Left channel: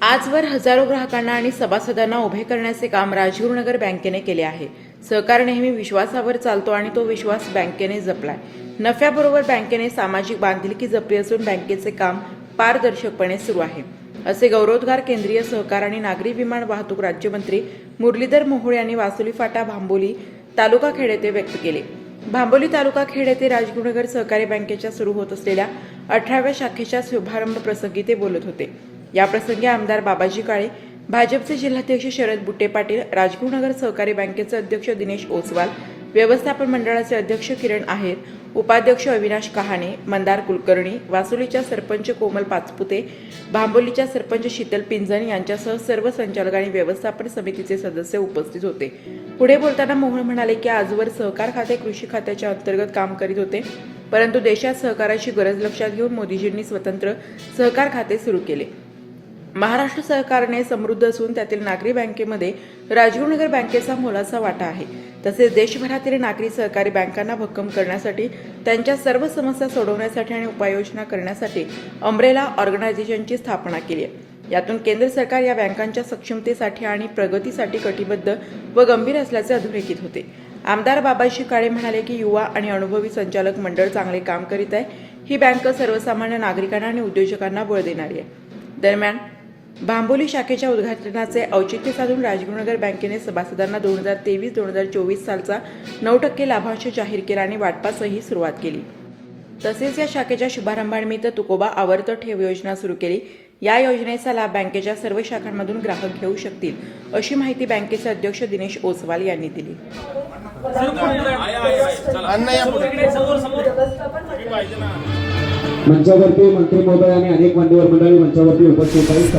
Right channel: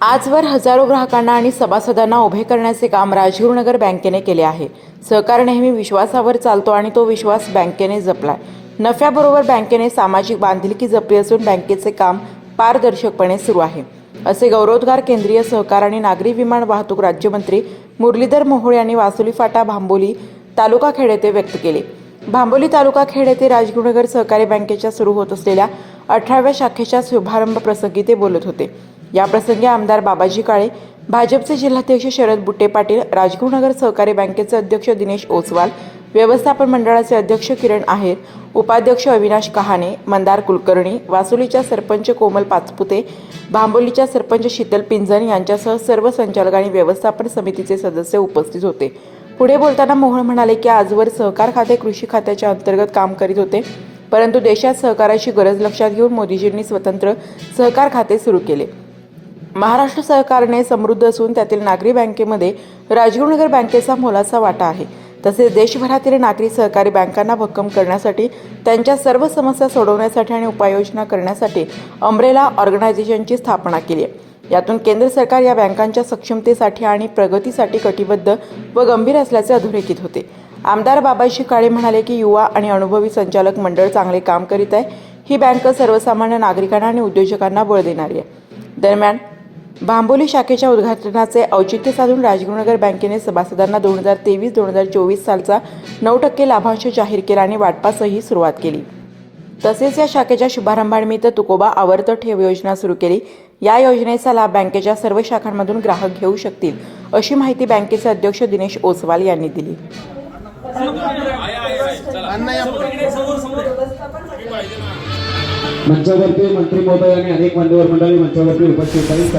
आजवर हजारो ग्राहकांना आणि सभासदांना उभे करण्याचे काम राजगुरुनगर बँकेने केले आहे। सहकार नेहमी विश्वासावर चालतो आणि तो विश्वास बँकेने जपलाय। नफ्याबरोबर बँकेने सामाजिक बांधिलकी जपली असून बँकेचे काम पारदर्शकपणे सुरू आहे, असे गौरवोद्गार केंद्रीय सहकार आणि नागरी विमान वाहतूक राज्यमंत्री मुरलीधर मोहोळ यांनी वासुली फाटा भांबोली तालुका खेड येथे व्यक्त केले। भांबोली तालुका खेड येथे राजगुरुनगर सहकारी बँकेच्या सुरू होत असलेल्या 18व्या शाखेच्या शुभारंभ प्रसंगी ते बोलत होते। या प्रसंगी आमदार बाबाजी काळे, भाजपचे जिल्हाध्यक्ष शरद बुट्टे पाटील, राजगुरुनगर सहकारी बँकेचे अध्यक्ष दिनेश ओसवाल, व्यवस्थापन मंडळाचे अध्यक्ष किरण आहेर, उपाध्यक्ष अविनाश कहाणे, मंदार कुलकर्णी, वासुलीच्या सरपंच कोमल पाचपुते, भांबोलीच्या सरपंच शीतल पिंजन यांच्यासह सर्व संचालक आणि व्यवस्थापन समितीचे सदस्य उपस्थित होते। पुढे बोलताना मोहोळ म्हणाले की आजवर सहकार खाते कृषी खात्याच्या अंतर्गत काम करीत होते, परंतु देशात सहकाराची गरज लक्षात घेऊन मोदीजींनी स्वतंत्र सहकार खाते सुरू केले। महाराष्ट्र सरकारने समृद्ध असून त्यातील नागरी बँकेमध्ये राजगुरुनगर बँकेचा मोलाचा वाटा आहे। तसेच देशभरातील नागरी सहकारी बँकांना भक्कम करण्यासाठी, त्यांच्या सर्व समस्या सोडवण्यासाठी आणि उपाययोजना करण्यासाठी अम्ब्रेला ऑर्गनायझेशनची स्थापना केली आहे। यातून केंद्र सरकार या बँकांच्या सक्षमतेसाठी आणि प्रगतीसाठी कटिबद्ध व गंभीर असल्याचे अधोरेखित होते। आमदार बाबाजी काळे म्हणाले की युवा आणि अनुभवी संचालक मंडळ चांगले काम करीत आहे। ही बँक सर्वसामान्य नागरिकांना आणि उद्योजकांना बळ देणारी आहे। दरम्यान भांबोली शाखेच्या उद्घाटनाचे औचित्य साधून राजगुरुनगर बँकेने सभासदांना 2023-2024 सालचा 9% लाभांश जाहीर केला आणि वाटपासही सुरुवात केली। तसेच या शाखेच्या शुभारंभानिमित्त तुकोबा आवर्त ठेव योजना सुरू केली। या योजनेचा लाभ बँकेच्या सर्व शाखांमधून ग्राहक घेऊ शकतील, अशी माहिती बँकेचे अध्यक्ष दिनेश ओसवाल यांनी दिली। मंचावरती मंत्री महोदय आणि अनेक मान्यवर मंडळी मंचावरती उपस्थित आहेत।